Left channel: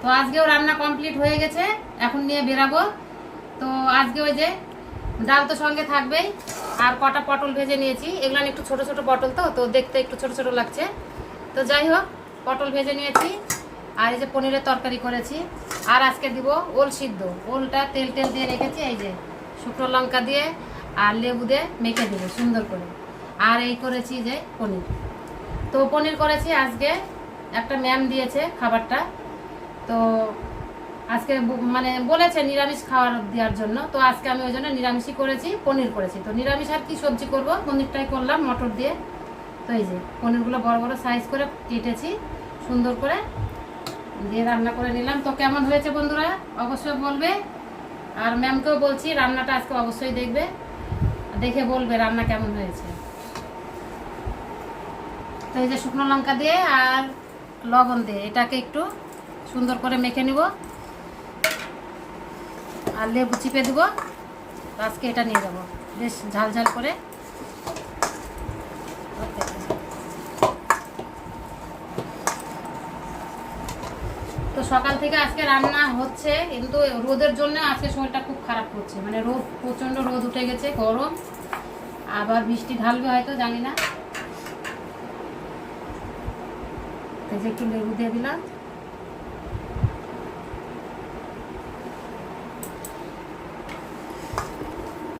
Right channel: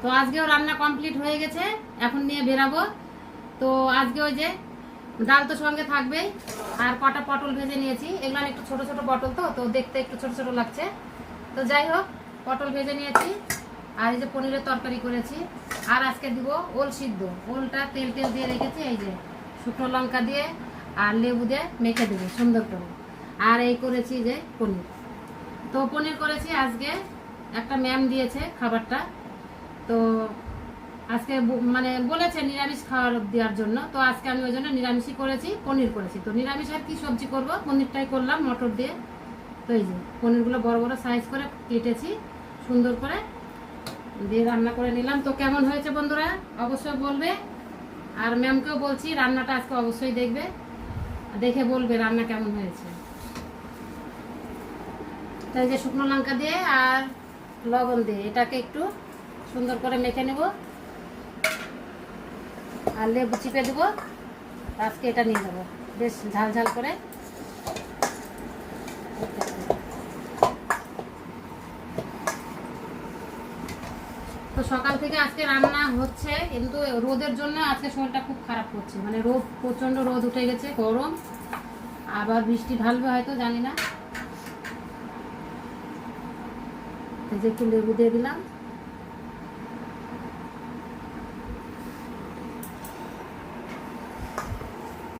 তো আজকেও রান্না কমপ্লিট হয়ে গেছে, এখন নিয়ে বেরাবো। তো আজকে ওই যে ডাল তো সঙ্গে থাকবেই, আর কটা পটল ভেজে নিয়েছি। এগুলো একটু ছোট ছোট পটল, তো দেখতে একটু ছোট ছোট লাগছে। তো যাই হোক, পটল ভেজে নিয়েছি। আর এই যে পনিরের তরকারি করেছি। আর আজকে দিব ওল সিদ্ধ। ওলটা তেল তেল দিয়ে রেখেছি, এই যে শুকনো লঙ্কা দিয়ে আর লেবু দিয়ে মেখে দেবো সুন্দর করে। আর এই করেছি যে পনির। তো পনির করেছি আজকে, একটা ম্যাম দিয়েছে খাবারটা। তো আজকে মানে বলেছে নিরামিষ খাবার দেওয়ার জন্য, তো আজকে আমি ওই জন্য নিরামিষই করেছি, পনির করেছি। তো নিরামিষ আর কি সবজি করব, পনিরটাই করলাম মটর দিয়ে। তো এই যে পনিরগুলো বড় বড় সাইজ করে কেটেছি সুন্দর করে, দিয়ে রান্না করে নিলাম। তো কেমন হয়েছে বন্ধুরা অবশ্যই বলবে। আর ম্যামকেও বলছি রান্নাটা আজকে অবশ্যই দেখবে, দেখে বলবে রান্না কেমন হয়েছে। তো এই যে শুকনো লঙ্কা দিয়ে আর লবণ দিয়ে এটাকে একটু সুন্দর করে মেখে নেব, আর লেবু চিপে দেবো। আজকে এটা নিয়ে যাবো বেশ ঝাল ঝাল করে। তো সকাল থেকে আজকে রান্না হচ্ছে, কিন্তু রোদের জন্য আজকে শরীরটা খুব খারাপ করছে। মানে রোদ, প্রচণ্ড রোদ উঠে গেছে, গরম, আবার বৃষ্টি ঢালবে হয়তো, জানি না। এই যে একটু লেবু দিয়ে দিলাম।